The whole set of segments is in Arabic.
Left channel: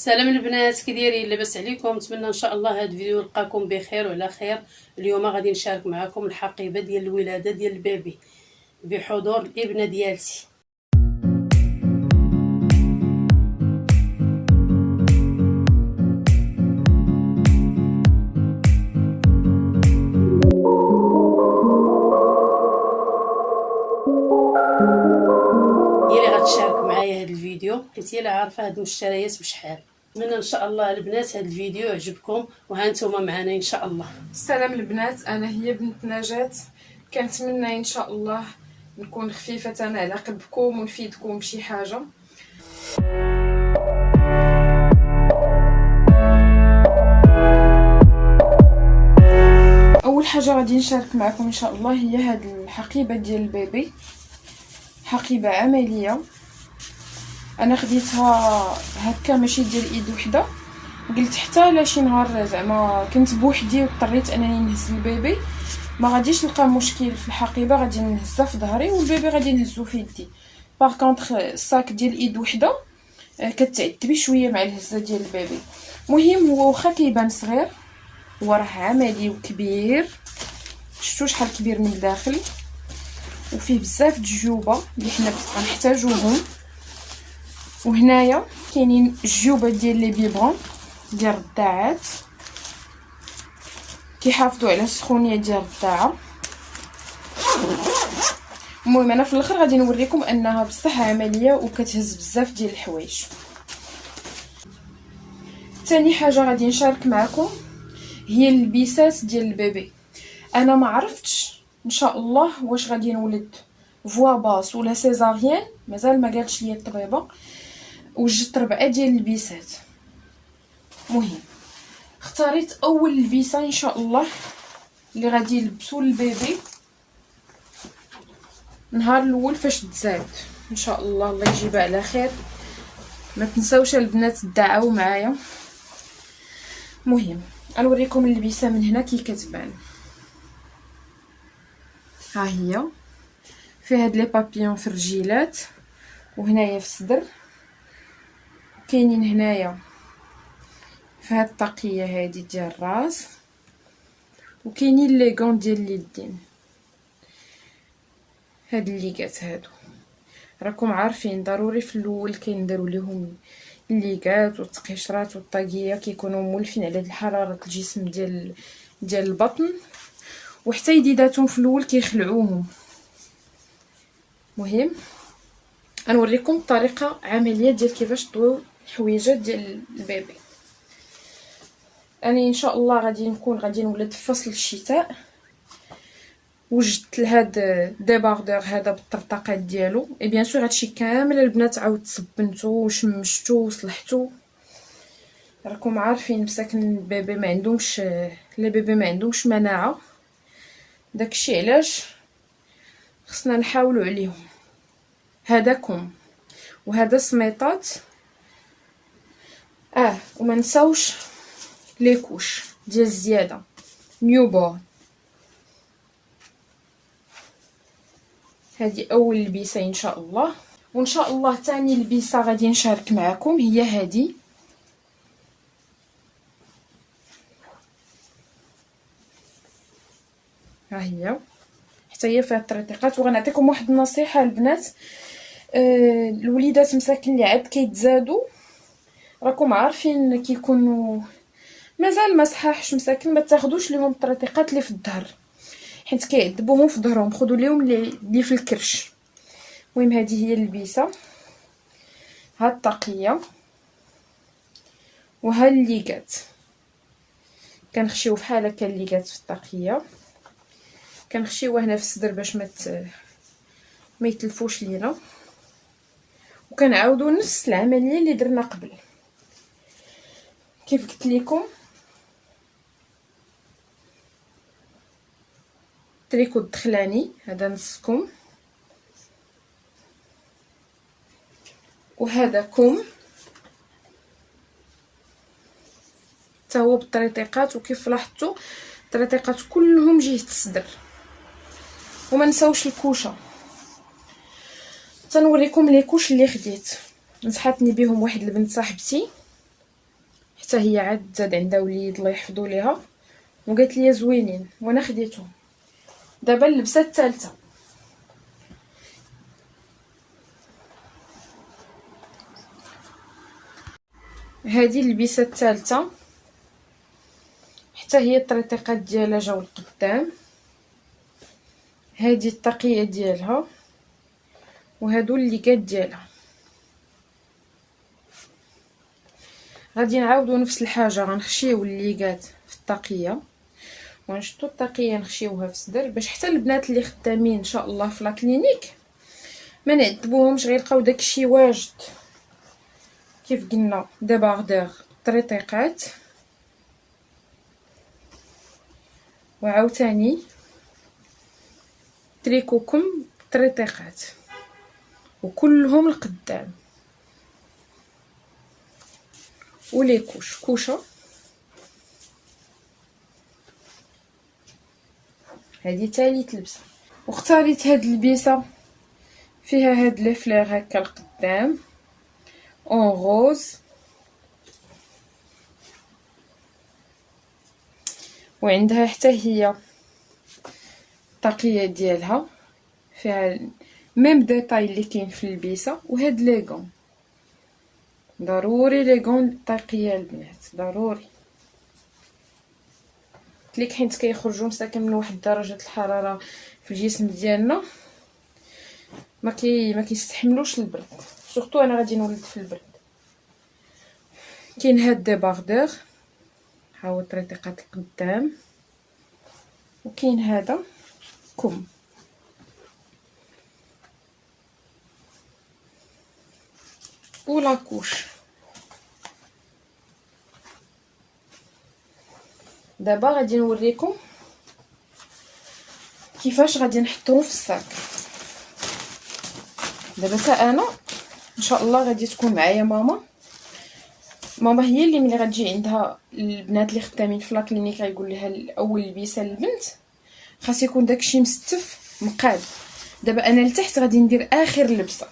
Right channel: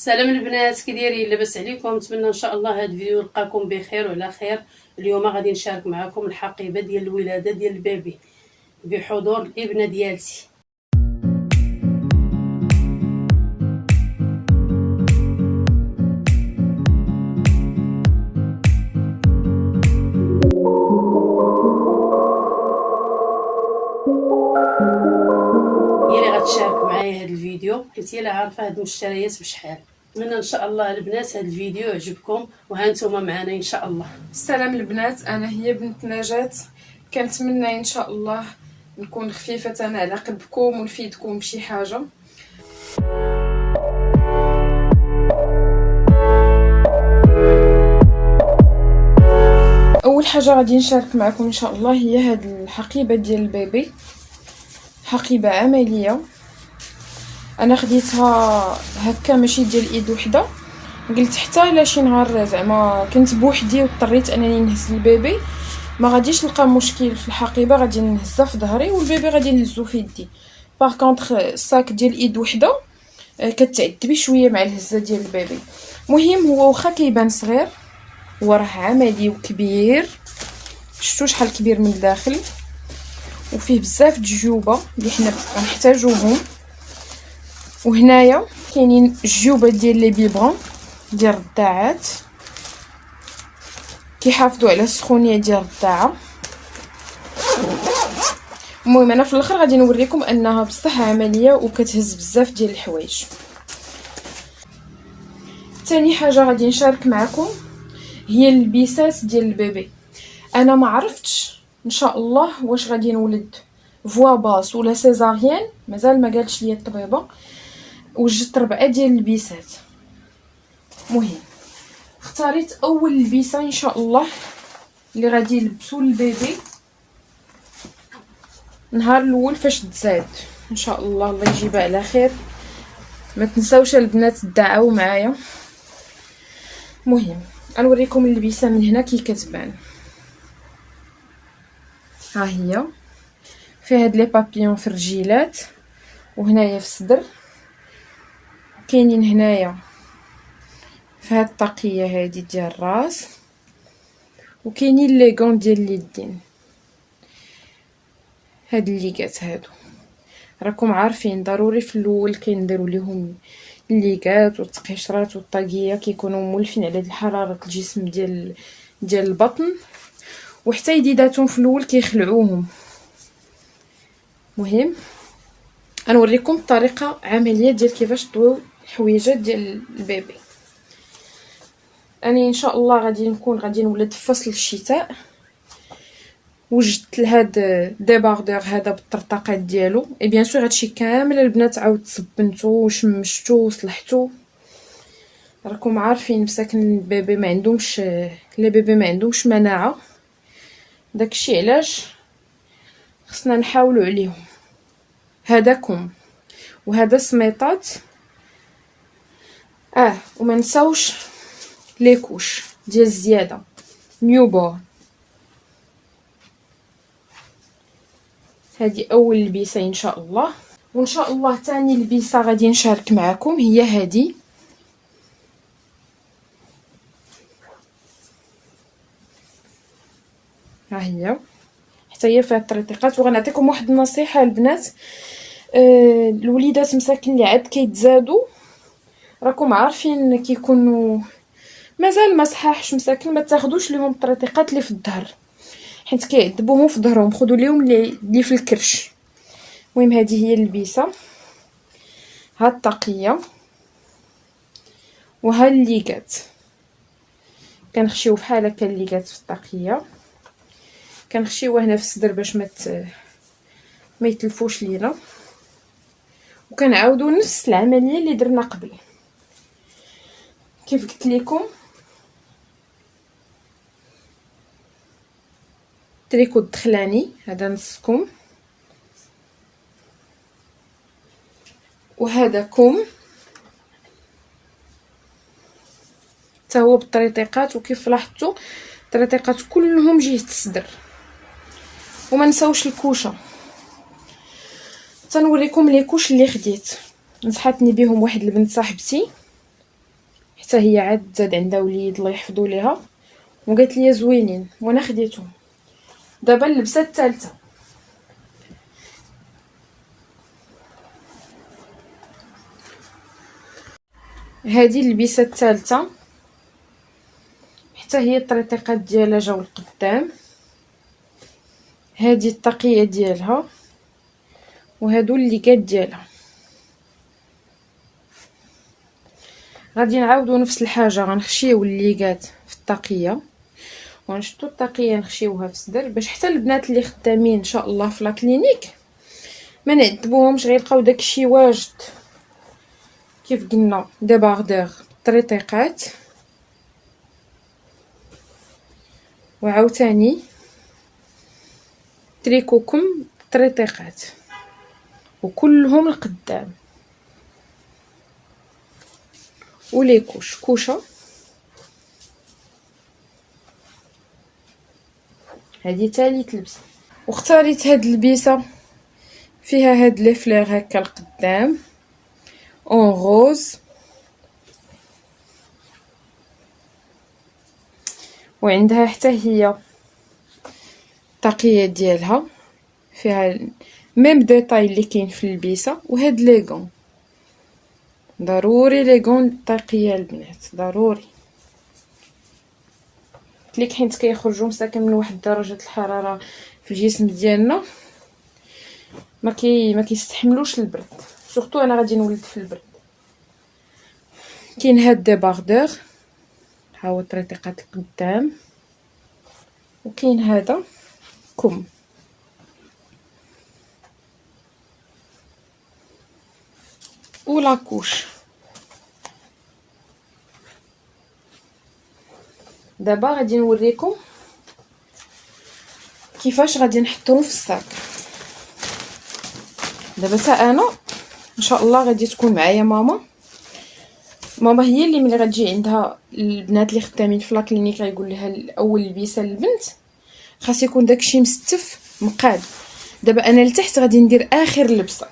السلام البنات، كي دايرين؟ لاباس عليكم؟ نتمنى ان شاء الله هذا الفيديو يلقاكم بخير وعلى خير. اليوم غادي نشارك معكم الحقيبه ديال الولاده ديال البيبي بحضور الابنه ديالتي. هي اللي غتشارك معايا هذا الفيديو حيت هي اللي عارفه هاد المشتريات بشحال. نتمنى ان شاء الله البنات هذا الفيديو يعجبكم وها نتوما معنا ان شاء الله. السلام البنات، انا هي بنت نجاة. كنتمنى ان شاء الله نكون خفيفه على قلبكم ونفيدكم بشي حاجه. اول حاجه غادي نشارك معكم ان شاء الله هي هاد الحقيبه ديال البيبي، حقيبه عمليه. انا خديتها هكا ماشي ديال ايد وحده، قلت حتى الا شي نهار زعما كنت بوحدي واضطريت انني نهز البيبي ما غاديش نلقى مشكل في الحقيبه، غادي نهزها في ظهري والبيبي غادي نهزو في يدي. باغ كونطخ الصاك ديال ايد وحده كتعذبي شويه مع الهزه ديال البيبي. مهم هو واخا كيبان صغير هو راه عملي وكبير، شفتوا شحال كبير من الداخل وفيه بزاف د الجيوبه اللي حنا غنحتاجوهم. وهنايا كاينين الجيوبه ديال لي بيبرون ديال الرضاعات كيحافظوا على السخونيه ديال الرضاعه. المهم انا في الاخر غادي نوريكم انها بصح عمليه وكتهز بزاف ديال الحوايج. ثاني حاجه غادي نشارك معكم هي البيسات ديال البيبي. انا ما عرفتش ان شاء الله واش غادي نولد فوا باس ولا سيزاريان، مازال ما قالتش لي الطبيبه. وجدت 4 ديال البيسات. مهم اختاريت اول البيسه ان شاء الله اللي غادي يلبسوا البيبي نهار الاول فاش تزاد ان شاء الله. الله يجيبها على خير. ما تنساوش البنات تدعوا معايا. مهم غنوريكم اللبسه من هنا كي كتبان. ها هي فيها هاد لي بابيون في الرجيلات وهنايا في الصدر، كاينين هنايا في هاد الطاقيه هادي ديال الراس، وكاينين لي غون ديال اليدين. هاد الليغات هادو راكم عارفين ضروري في الاول كنديروا ليهم الليغات والتقشرات والطاقيه، كيكونوا مولفين على حراره الجسم ديال البطن، وحتى يديداتهم في الاول كيخلعوهم. مهم غنوريكم طريقه عمليه ديال كيفاش طويو الحويجات ديال البيبي. انا ان شاء الله غادي نولد في فصل الشتاء. وجدت لهاد ديباردور هذا بالطرطقات ديالو. اي بيان سور هادشي كامل البنات عاود تصبنتو وشمشتو وصلحتو. راكم عارفين مساكن البيبي ما عندهمش مناعه، داكشي علاش خصنا نحاولوا عليهم. هذاكم وهذا سميطات. وما نساوش لي كوش ديال الزياده نيوبور. هذه اول لبسه ان شاء الله. وان شاء الله ثاني لبسه غادي نشارك معكم هي هذه. ها هي حتى هي فيها الطريقات. وغنعطيكم واحد النصيحه البنات، الوليدات مساكن اللي عاد كيتزادوا راكم عارفين كيكونوا مازال ما صحاحش، مساكن ما تاخذوش لهم الطريقات اللي في الظهر حيت كيعذبوهم في ظهرهم، خذوا لهم اللي في الكرش. المهم هذه هي اللبسه، ها الطاقيه وها الليغات. كنخشيو بحال هكا الليغات في الطاقيه، كنخشيوها هنا في الصدر باش ما يتلفوش لينا، وكنعاودوا نفس العمليه اللي درنا قبل. كيف قلت لكم تريكو الدخلاني هذا نصكم، وهذا كم حتى هو بالطريقات. وكيف لاحظتوا الطريقات كلهم جهه الصدر. وما نساوش الكوشه. تنوريكم لي كوش اللي خديت، نصحتني بهم واحد البنت صاحبتي حتى هي عاد زاد عندها وليد الله يحفظو ليها وقالت لي زوينين وانا خديتهم. دابا اللبسه الثالثه، هذه اللبسه الثالثه حتى هي الطريقات ديالها جاو القدام. هذه الطاقيه ديالها وهادو الليكات ديالها. غادي نعاودو نفس الحاجه، غنخشيو الليكات في الطاقيه ونشدو الطاقيه نخشيوها في الصدر باش حتى البنات اللي خدامين ان شاء الله في لا كلينيك ما نعذبوهمش غيلقاو داكشي واجد. كيف قلنا ديباردور طريطيقات وعاوتاني تريكوكم طريطيقات وكلهم القدام ولي كوشه. هذه ثالث لبسه، واختاريت هاد اللبسه فيها هاد لي فلير هكا القدام اون روز، وعندها حتى هي الطاقيه ديالها فيها ميم ديتاي اللي كاين في اللبسه. وهاد لي غون ضروري، لي غون طاقيه البنات ضروري ليك حيت كيخرجوا مساكن من واحد درجه الحراره في الجسم ديالنا ما كيستحملوش البرد، سورتو انا غادي نولد في البرد. كاين هاد ديباردور ها هو طريقات القدام، وكاين هذا كم ولا كوش. دابا غادي نوريكم كيفاش غادي نحطوهم في الصاك. دابا حتى انا ان شاء الله غادي تكون معايا ماما هي اللي ملي غتجي عندها البنات اللي خدامين في لا كلينيك غيقول لها الاول لبسه للبنت خاص يكون داكشي مستف مقاد. دابا انا لتحت غادي ندير اخر لبسه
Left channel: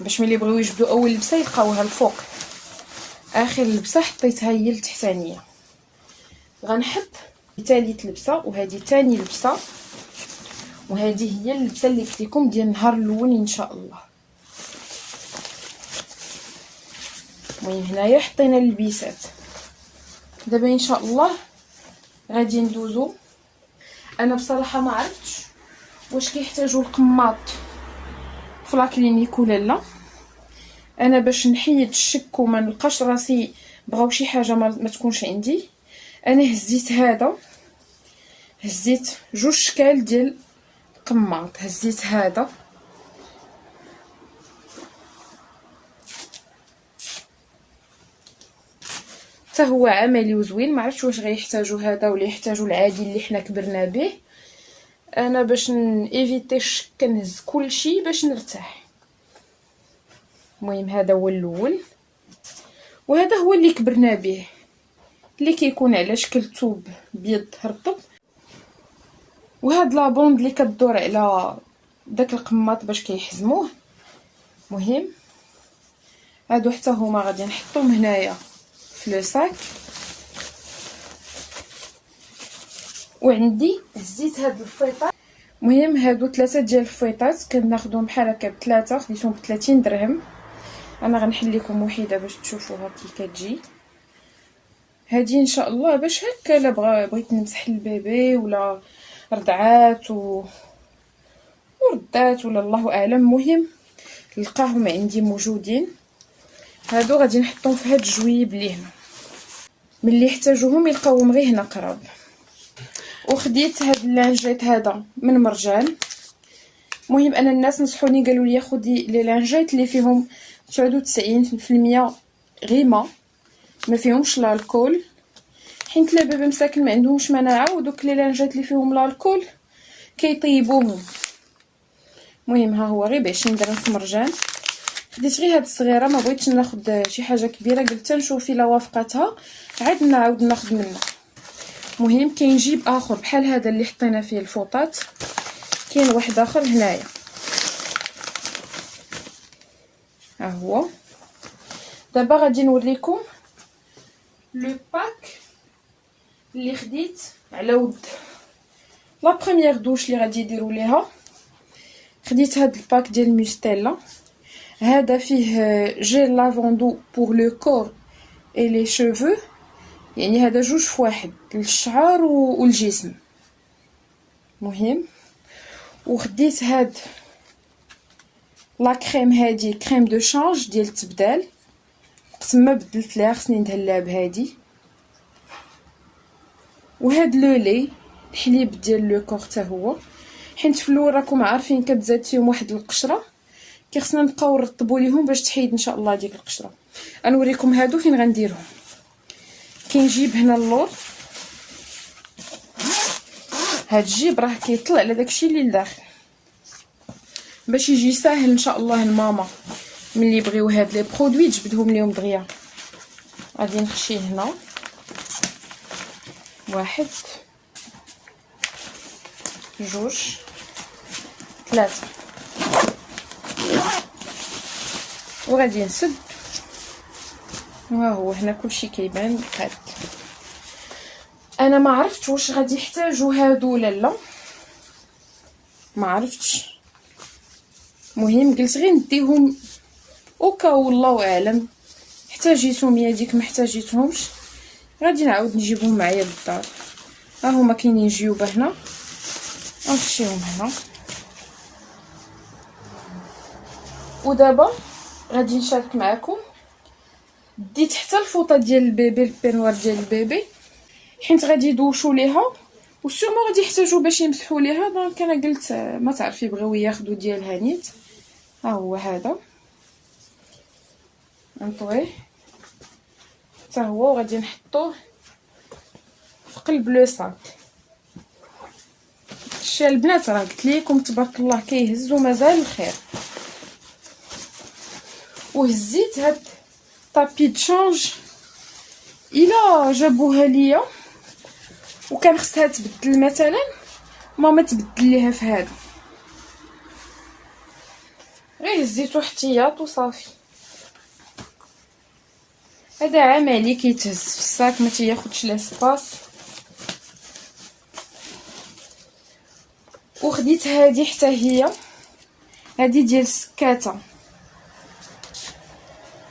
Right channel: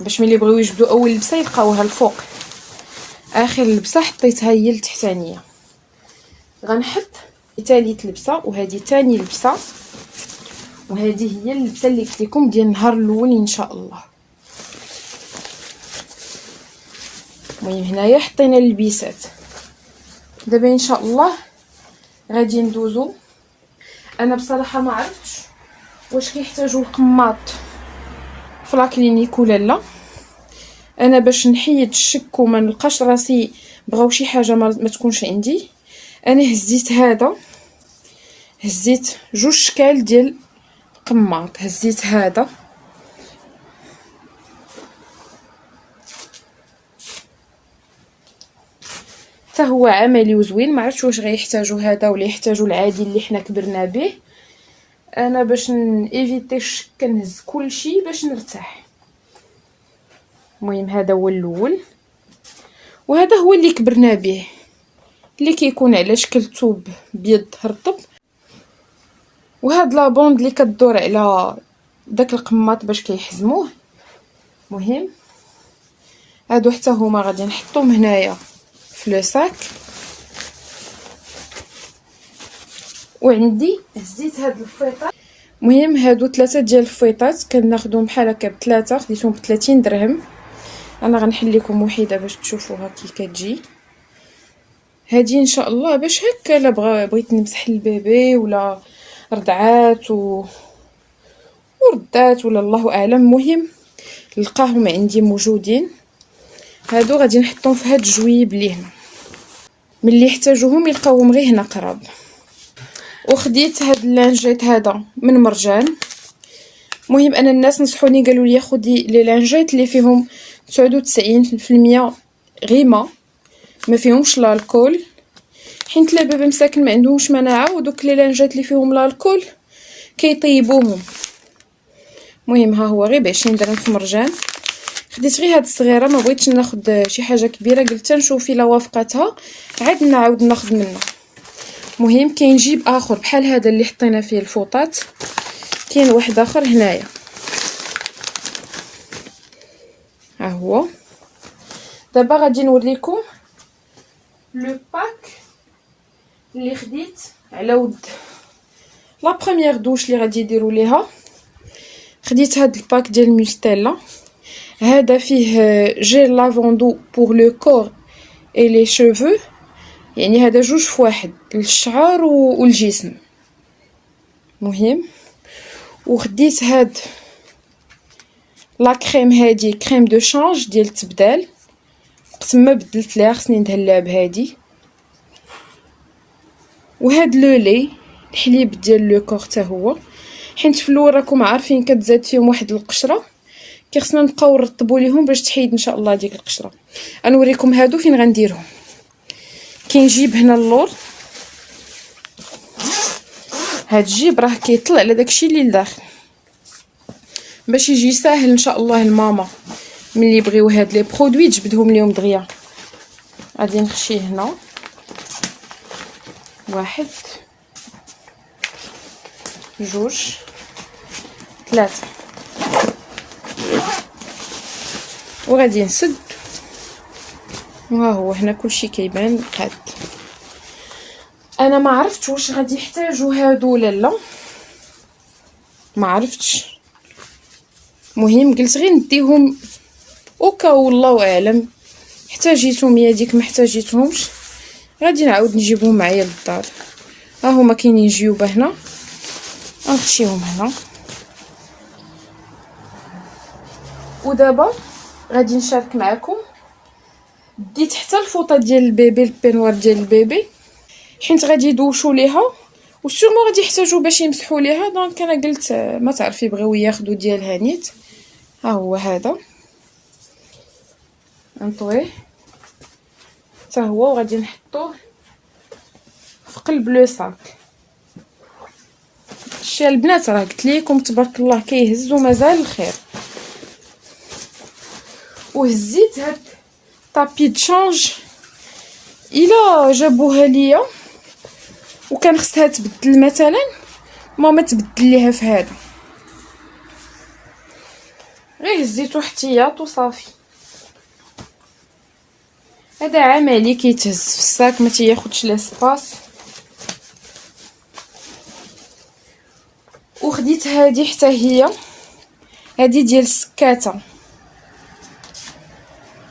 باش ملي بغيو يجبدوا اول لبسه يلقاوها الفوق. اخر لبسه حطيتها هي التحتانيه. غنحط ثالث لبسه وهذه ثاني لبسه، وهذه هي اللبسه اللي قلت لكم ديال النهار الاول ان شاء الله. المهم هنايا حطينا اللبسات. دابا ان شاء الله غادي ندوزو. انا بصراحه ما عرفتش واش كيحتاجوا القماط في لا كلينيك ولا لا. انا باش نحيد الشك وما نلقاش راسي بغاو شي حاجه ما تكونش عندي، انا هزيت جوج شكال ديال القماط. هزيت هذا حتى هو عملي وزوين، ما عرفتش واش غيحتاجوا هذا ولا يحتاجوا العادي اللي حنا كبرنا به. انا باش نيفيتي الشك كنهز كلشي باش نرتاح. المهم هذا هو الاول وهذا هو اللي كبرنا به، اللي كيكون على شكل ثوب بيض رطب، وهاد لابوند اللي كدور على داك القماط باش كيحزموه. مهم هادو حتى هما غادي نحطهم هنايا في لو ساك. وعندي هزيت هاد الفيطات. المهم هادو 3 ديال الفيطات كناخذهم بحال هكا ب3، خديتهم ب30 درهم. انا غنحل لكم وحده باش تشوفوها كي كتجي. هادي ان شاء الله باش هكا لا بغيت نمسح البيبي ولا رضعات وردات ولا الله اعلم. المهم لقاهم عندي موجودين. هادو غادي نحطهم في هاد الجويب اللي هنا، ملي يحتاجوهم يلقاوهم غير هنا قراب. وخديت هاد اللانجيت هذا من مرجان. المهم انا الناس نصحوني قالوا لي خدي لي لانجيت اللي فيهم 99% غيمه ما فيهمش الكول، حيت الباب مساكن ما عندهمش مناعه، ودوك لي لانجيت اللي فيهم الكول كيطيبوهم. المهم ها هو غير ب20 درهم في مرجان. خديت غير هاد الصغيره، ما بغيتش ناخذ شي حاجه كبيره، قلت نشوف الا وافقتها عاد نعاود ناخذ منها. المهم كاين جيب اخر بحال هذا اللي حطينا فيه الفوطات، كاين واحد اخر هنايا ها هو. دابا غادي نوريكم لو باك اللي خديت على ود لا بروميير دوش اللي غادي يديروا ليها. خديت هاد الباك ديال ميستيلا. هذا فيه جيل لافوندو بور لو كور اي لي شوفو، يعني هذا جوج في واحد للشعر والجسم. مهم. وخديت هاد لا كريم، هادي كريم دو شانج ديال التبدال، وقت ما بدلت ليها خصني ندهلها بهادي. وهاد لو لي الحليب ديال لو كور حتى هو، حيت في الاول راكم عارفين كتزاد فيهم واحد القشره، كي خصنا نبقاو نرطبوا ليهم باش تحيد ان شاء الله ديك القشره. غنوريكم هادو فين غنديرهم. كنجيب هنا اللور، هاد الجيب راه كيطلع على داكشي اللي لداخل باش يجي ساهل ان شاء الله الماما ملي يبغيو هاد لي برودوي تجبدهم ليهم دغيا. غادي نخشي هنا واحد جوج ثلاثة، وغادي نسد. وها هو هنا كلشي كيبان قاد. انا ما عرفتش واش غادي يحتاجوا هادو ولا لا، ما عرفتش. مهم قلت غير نديهم اوكا والله اعلم، احتاجيتهم يا ديك ما احتاجيتهمش غادي نعاود نجيبهم معايا للدار. ها هما كاينين جيوبه هنا، غنخشيهم هنا. ودابا غادي نشارك معكم. ديت حتى الفوطه ديال البيبي، البينوار ديال البيبي، حيت غادي يدوشوا ليها وسورمون غادي يحتاجوا باش يمسحوا ليها. دونك انا قلت ما تعرفي بغيو ياخذوا ديالها نيت. ها هو هذا نطويه حتى هو، وغادي نحطوه في قلب لو صاك. شتي البنات راه قلت لكم تبارك الله كيهز ومازال الخير. وهزيت هاد طابي دشانج الا جابوها ليا وكان خصها تبدل مثلا، ماما تبدل ليها في هذا. غير هزيتو احتياط وصافي. هذا عملي كيتهز في الساك، ما تياخذش لاسباس. وخديت هذه حتى هي، هذه ديال السكاته،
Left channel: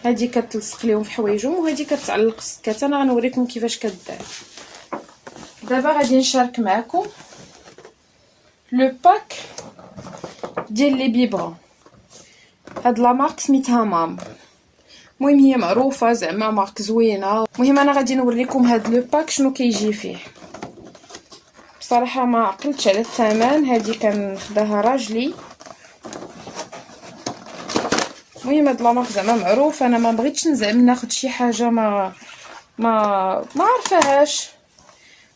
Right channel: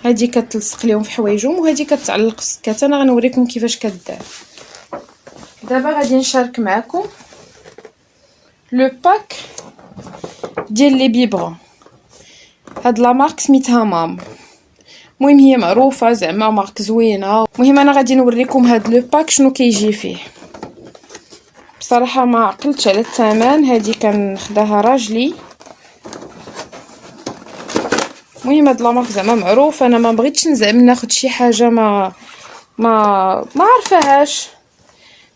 هذه كتلصق ليهم في حوايجهم وهذه كتعلق في السكاته. انا غنوريكم كيفاش كدار. دابا غادي نشارك معكم لو باك ديال لي بيبغون. هاد لا مارك سميتها مام، المهم هي معروفه زعما مارك زوينه. المهم انا غادي نوريكم هاد لو باك شنو كيجي فيه. بصراحه ما عقلتش على الثمن، هذه كنخداها راجلي. المهم هاد لا مارك زعما معروف، انا ما بغيتش نزعم ناخد شي حاجه ما عارفاهاش.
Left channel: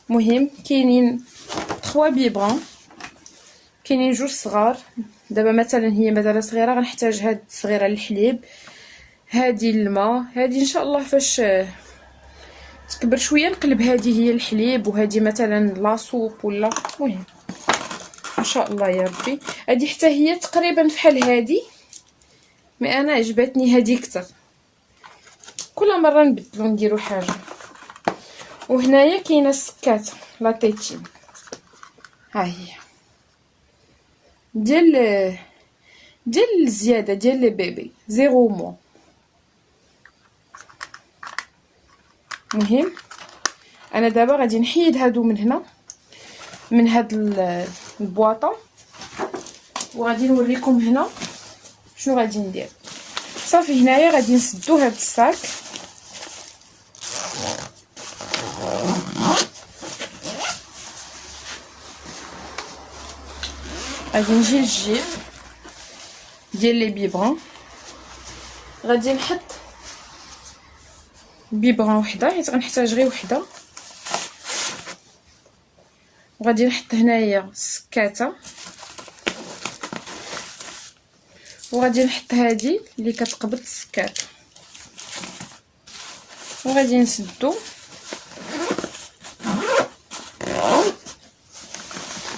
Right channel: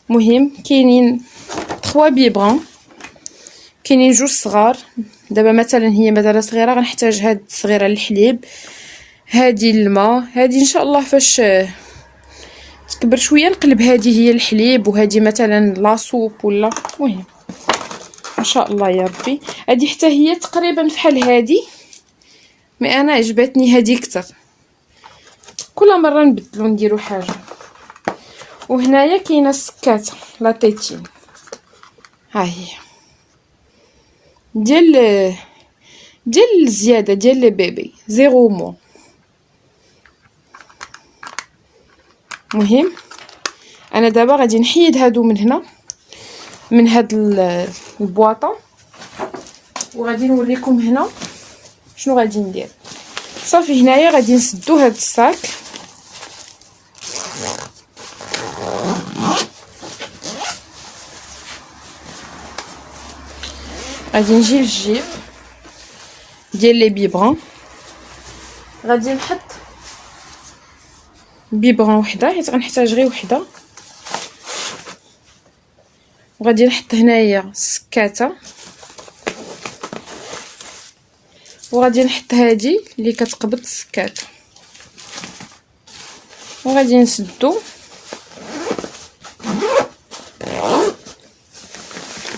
مهم كاينين 3 بيبغون، كاينين جوج صغار. دابا مثلا هي مثلا صغيره غنحتاج هاد الصغيره للحليب، هادي الماء، هادي ان شاء الله فاش تكبر شويه نقلب هادي هي الحليب، وهادي مثلا لاصوب ولا. المهم ان شاء الله يا ربي. هادي حتى هي تقريبا فحال هادي، مي انا عجبتني هادي كتر. كل مره نبدلو نديرو حاجه. وهنايا كاينه السكاته لا تيتين، ها هي ديال الزياده ديال لي بيبي 0 مو. مهم انا دابا غادي نحيد هادو من هنا من هاد البواطه، وغادي نوريكم هنا شنو غادي ندير. صافي هنايا غادي نسدو هاد الصاك، غادي نجي للجيب ديال لي بيبغون، غادي نحط بيبغون وحده حيت غنحتاج غير وحده، وغادي نحط هنايا السكاته، وغادي نحط هادي اللي كتقبض السكاته، وغادي نسدو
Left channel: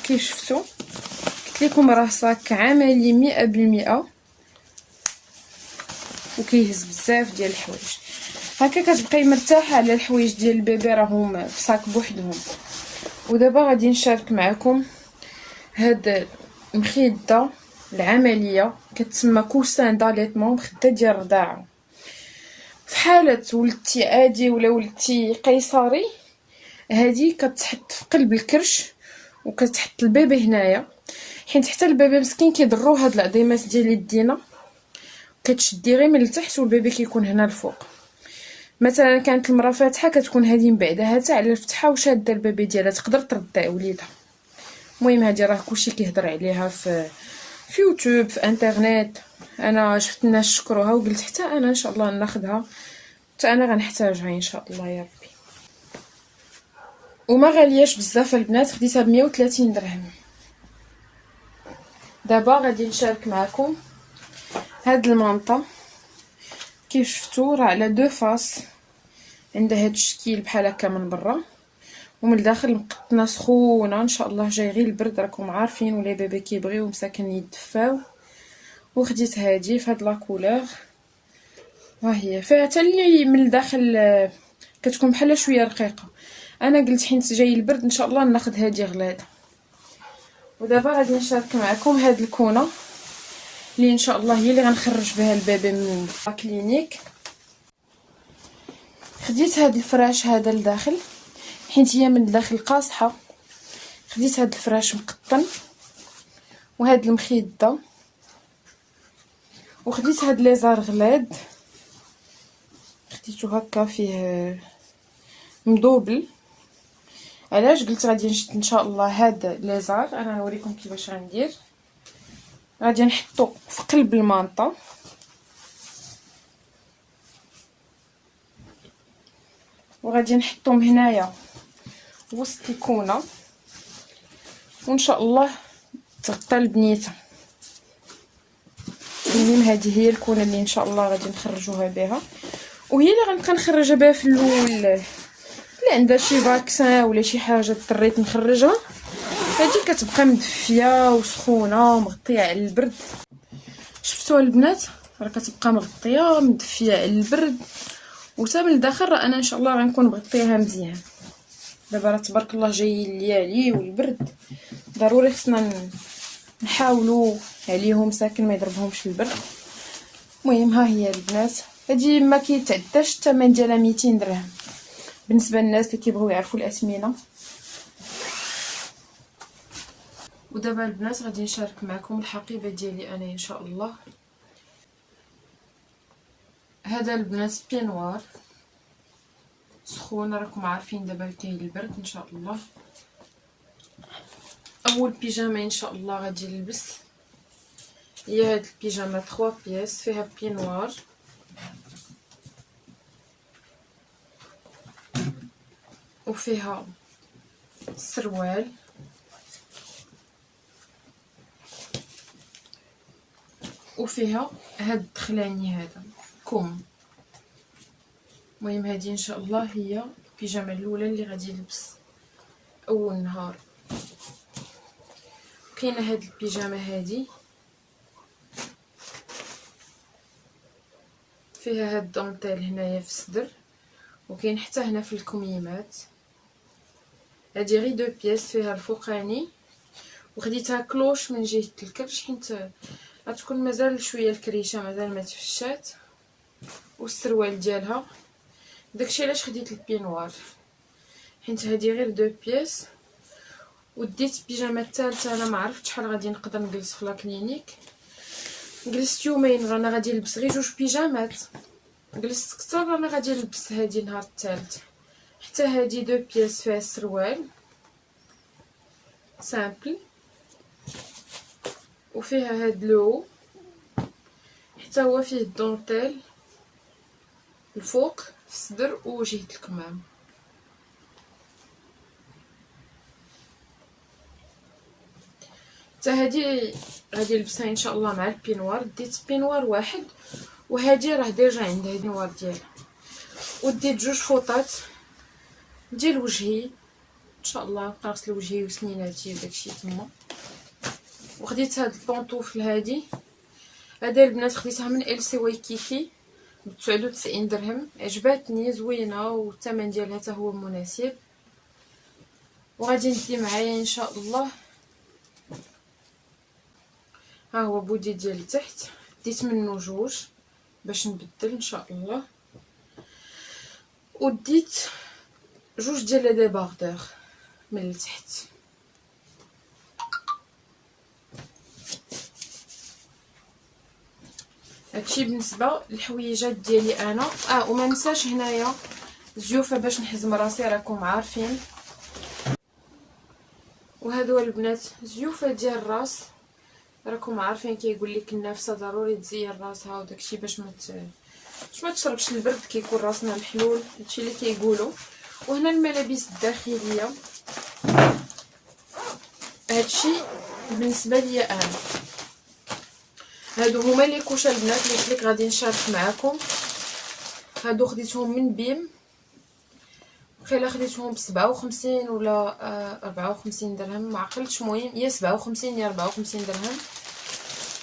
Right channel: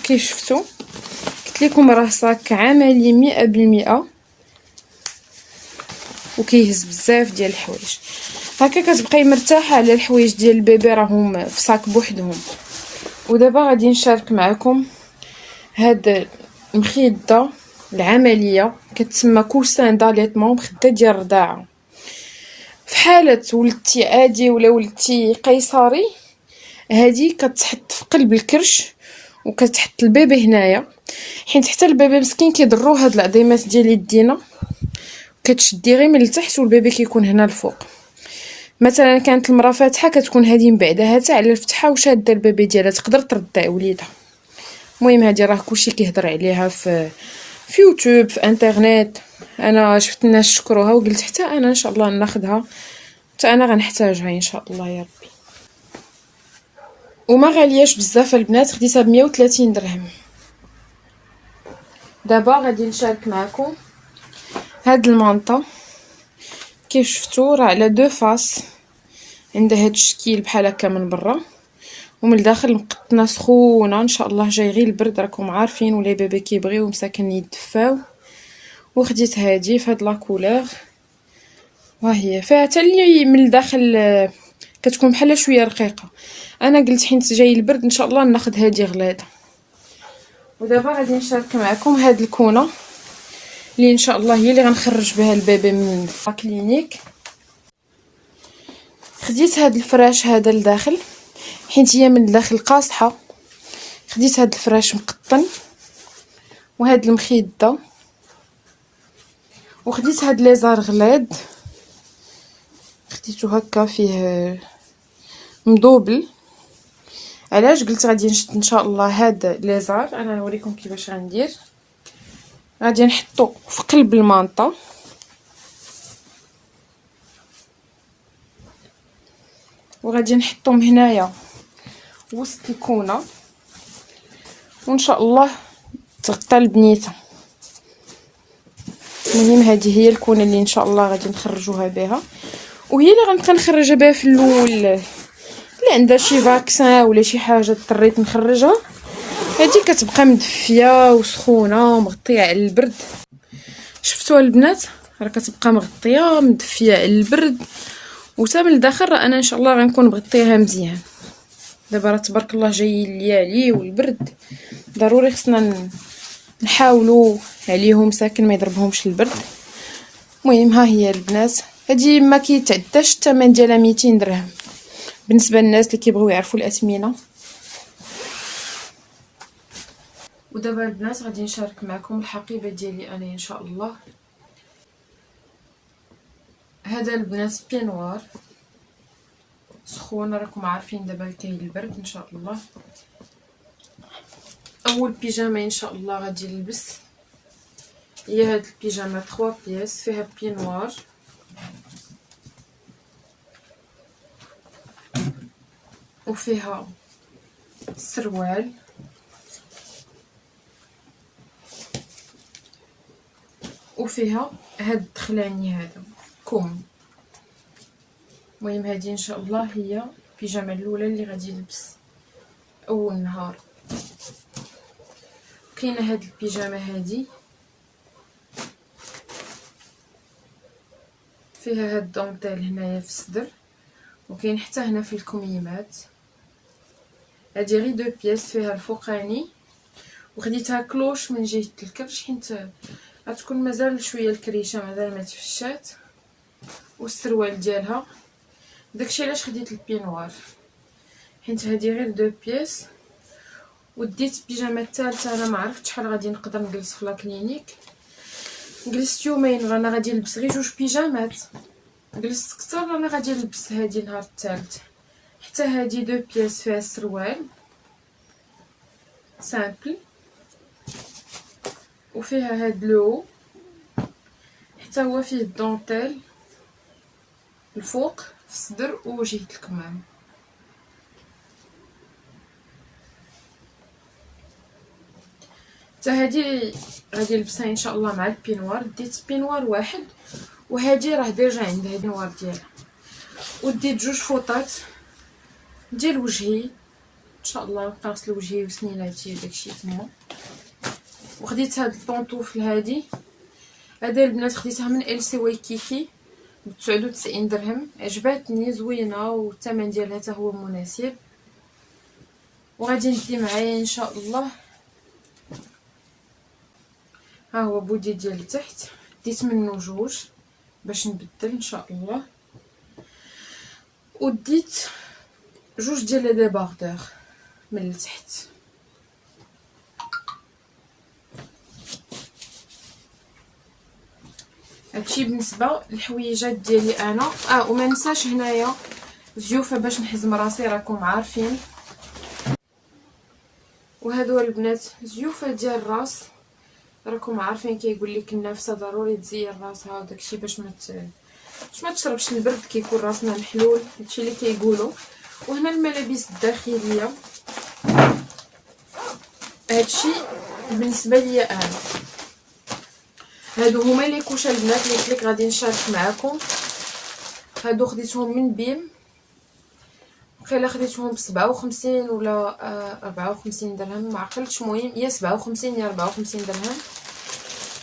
كيف شفتوا. قلت لكم راه صاك عملي 100%، وكيهز بزاف ديال الحوايج. هكا كتبقاي مرتاحه على الحوايج ديال البيبي راهم في صاك بوحدهم. ودابا غادي نشارك معكم هاد المخده العمليه كتسمى كوسان داليتمون، مخده ديال الرضاعه. في حاله ولدتي عادي ولا ولدتي قيصري، هادي كتحط في قلب الكرش وكتحط البيبي هنايا، حيت حتى البيبي مسكين كيضرو هاد العظيمات ديال يدينا، كتشدي غير من التحت والبيبي كيكون هنا الفوق. مثلا كانت المراه فاتحه كتكون هذه من بعدها حتى على الفتحه وشاده البيبي ديالها، تقدر ترضع وليدها. المهم هذه راه كلشي كيهضر عليها في يوتيوب، في انترنت. انا شفت الناس شكروها وقلت حتى انا ان شاء الله ناخذها، حتى انا غنحتاجها ان شاء الله يا ربي. وما غالياش بزاف البنات، خديتها ب 130 درهم. دابا غادي نشارك معكم هاد المانطا. كيف شفتوا راه على دو فاس، عندها هاد الشكل بحال هكا من برا، ومن الداخل مقطنه سخونه ان شاء الله. جاي غير البرد، راكم عارفين ولا بيبي كيبغيو مساكن يدفاو. وخديت هادي في هاد لا كولور، ها هي فيها حتى اللي من الداخل كتكون بحال شويه رقيقه. انا قلت حيت جاي البرد ان شاء الله ناخذ هادي غلاده. ودابا غادي نشارك معكم هاد الكونه اللي ان شاء الله هي اللي غنخرج بها البيبي من الكلينيك. خديت هاد الفراش هذا لداخل حيت هي من الداخل قاصحه. خديت هاد الفراش مقطن وهاد المخده، وخديت هاد ليزار غلاد خديتو هكا فيه مدوبل. علاش قلت غادي نشد ان شاء الله هاد ليزار؟ انا نوريكم كيفاش غندير. غادي نحطو في قلب المانطا، وغادي نحطهم هنايا وسط الكونه، وان شاء الله تغطى البنيته. المهم هذه هي الكونه اللي ان شاء الله غادي نخرجوها بها، وهي اللي غنبقى نخرجها بها في الاول. اللي عندها شي فاكسان ولا شي حاجه اضطريت نخرجها، هذه كتبقى مدفيه وسخونه ومغطيه على البرد. شفتوا البنات راه كتبقى مغطيه مدفيه على البرد، وتا من الداخل راه انا ان شاء الله غنكون مغطيها مزيان. دابا راه تبارك الله جاي الليالي والبرد، ضروري خصنا نحاولوا عليهم ساكن ما يضربهمش البرد. المهم ها هي البنات، هذه ما كيتعداش الثمن ديالها 200 درهم بالنسبه للناس اللي كيبغيو يعرفوا الاثمنه. ودابا البنات غادي نشارك معكم الحقيبه ديالي انا ان شاء الله. هذا البنات بينوار سخون، راكم عارفين دابا كاين البرد ان شاء الله. اول بيجامه ان شاء الله غادي نلبس هي هاد البيجامه 3 بياس، فيها بينوار وفيها السروال وفيها هاد الدخلاني هذا كم. المهم هذه ان شاء الله هي البيجامه الاولى اللي غادي نلبس اول نهار. كاينه هاد البيجامه هذه فيها هاد الدونطيل هنايا في الصدر، وكاين حتى هنا في الكميمات. هادي غير 2 بياس، فيها الفوقاني وخديتها كلوش من جهه الكرش حيت غتكون مازال شويه الكريشه مازال ما تفشات، والسروال ديالها. داكشي علاش خديت البينوار حيت هادي غير 2 بياس. وديت البيجامه الثالثه، انا ما عرفتش شحال غادي نقدر نجلس في لا كلينيك. جلست يومين رانا غادي نلبس غير 2 بيجامات، جلست كثر رانا غادي نلبس هادي النهار الثالث. حتى هادي 2 بياس فيها السروال سامبل، وفيها هاد لو حتى هو فيه الدونطيل الفوق في الصدر وجهه الكمام. حتى هادي غادي نلبسها ان شاء الله مع البينوار. ديت بينوار واحد، وهادي راه ديجا عندها البينوار ديالها. وديت 2 فوطات ديال وجهي ان شاء الله، نغسل وجهي وسنيناتي وداكشي تما. وخديت هاد البونطوفل هادي البنات خديتها من ال سي وايكيكي ب99 درهم. عجباتني زوينه والثمن ديالها حتى هو مناسب. وغادي ندي معايا ان شاء الله، ها هو بودي ديال التحت، ديت منه جوج باش نبدل ان شاء الله. وديت جوج ديال لي ديباردور من التحت. هادشي بالنسبه للحويجات ديالي انا. وما ننساش هنايا زيوفه باش نحزم راسي، راكم عارفين. وهادو البنات زيوفه ديال الراس، راكم عارفين كيقول لك النافسه ضروري تزين راسها وداكشي باش ما تشربش البرد كيكون راسنا محلول، هادشي اللي كيقولوا. وهنا الملابس الداخليه، هادشي بالنسبه لي انا. هادو هما لي كوشه البنات اللي قلت لك غادي نشارك معكم. هادو خديتهم من بيم، وخيلا خديتهم ب57 ولا 54 درهم، ما عقلتش. المهم يا 57 يا 54 درهم.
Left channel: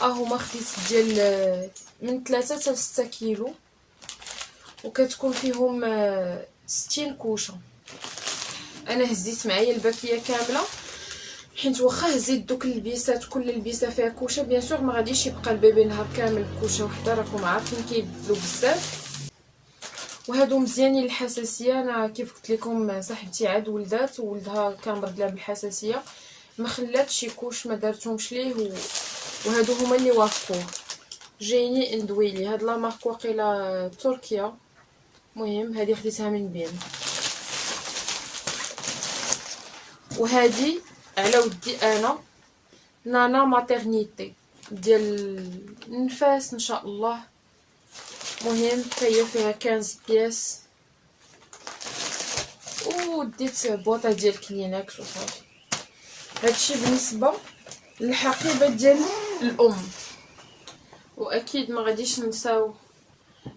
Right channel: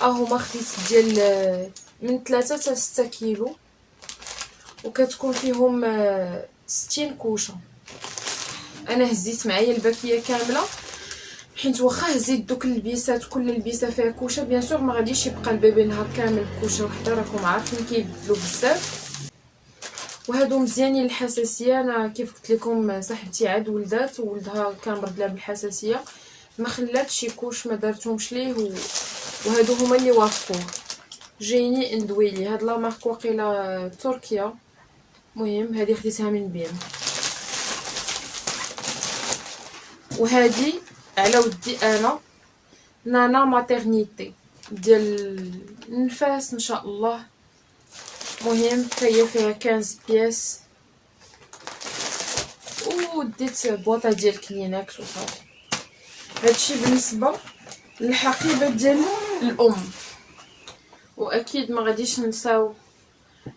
هما خديت ديال من 3 حتى 6 كيلو، وكتكون فيهم 60 كوشه. انا هزيت معايا الباكيه كامله، حيت واخا هزيت دوك اللبيسات كل لبسه فيها كوشه بيان سور ما غاديش يبقى البيبي نهار كامل بكوشه وحده، راكم عارفين كيبدلوا بزاف. وهادو مزيانين للحساسيه. انا كيف قلت لكم صاحبتي عاد ولدات وولدها كان مرض لها بالحساسيه، ما خلاتش شي كوش ما دارتهمش ليه وهادو هما اللي وافقوه. جايني اندويلي هاد لا مارك واقيلا تركيا. المهم هذه خديتها من بين. وهذه على ودي انا نانا ماتيرنيتي ديال النفاس ان شاء الله. مهم هي فيها 15 بياس. وديت بوطه ديال كلينكس وصافي. هادشي بالنسبه للحقيبه ديال الام. واكيد ما غاديش ننساو،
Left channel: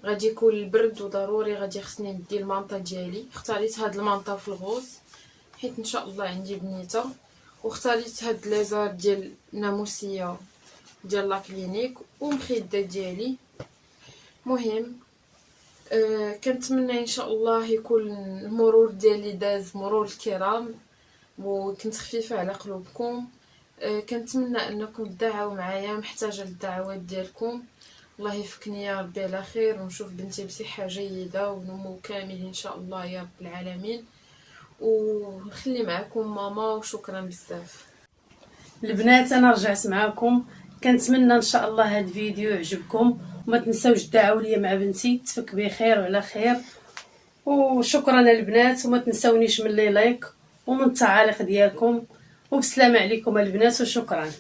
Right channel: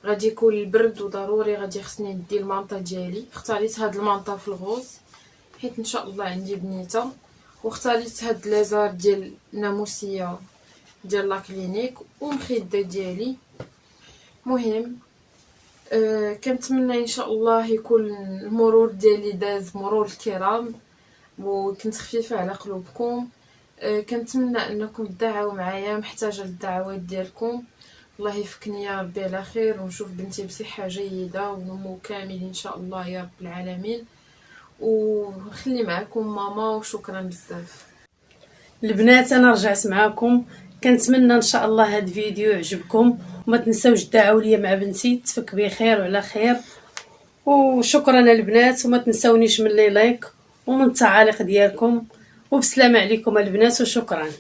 غادي يكون البرد وضروري غادي خصني ندي المانطه ديالي. اختاريت هاد المانطه في الغوز حيت ان شاء الله عندي بنيته، واختاريت هاد ليزار ديال ناموسيه ديال لا كلينيك ومخده ديالي. مهم كنتمنى ان شاء الله يكون المرور ديالي داز مرور الكرام وكنت خفيفه على قلوبكم. كنتمنى انكم تدعوا معايا، محتاجه للدعوات ديالكم. الله يفكني يا ربي على خير، ونشوف بنتي بصحه جيده ونمو كامل ان شاء الله يا رب العالمين. ونخلي معكم ماما، وشكرا بزاف البنات. انا رجعت معكم، كنتمنى ان شاء الله هذا الفيديو يعجبكم، وما تنساوش تدعوا لي مع بنتي تفك بخير وعلى خير. وشكرا البنات، وما تنساونيش من لي لايك ومن التعاليق ديالكم. وبسلامه عليكم البنات، وشكرا.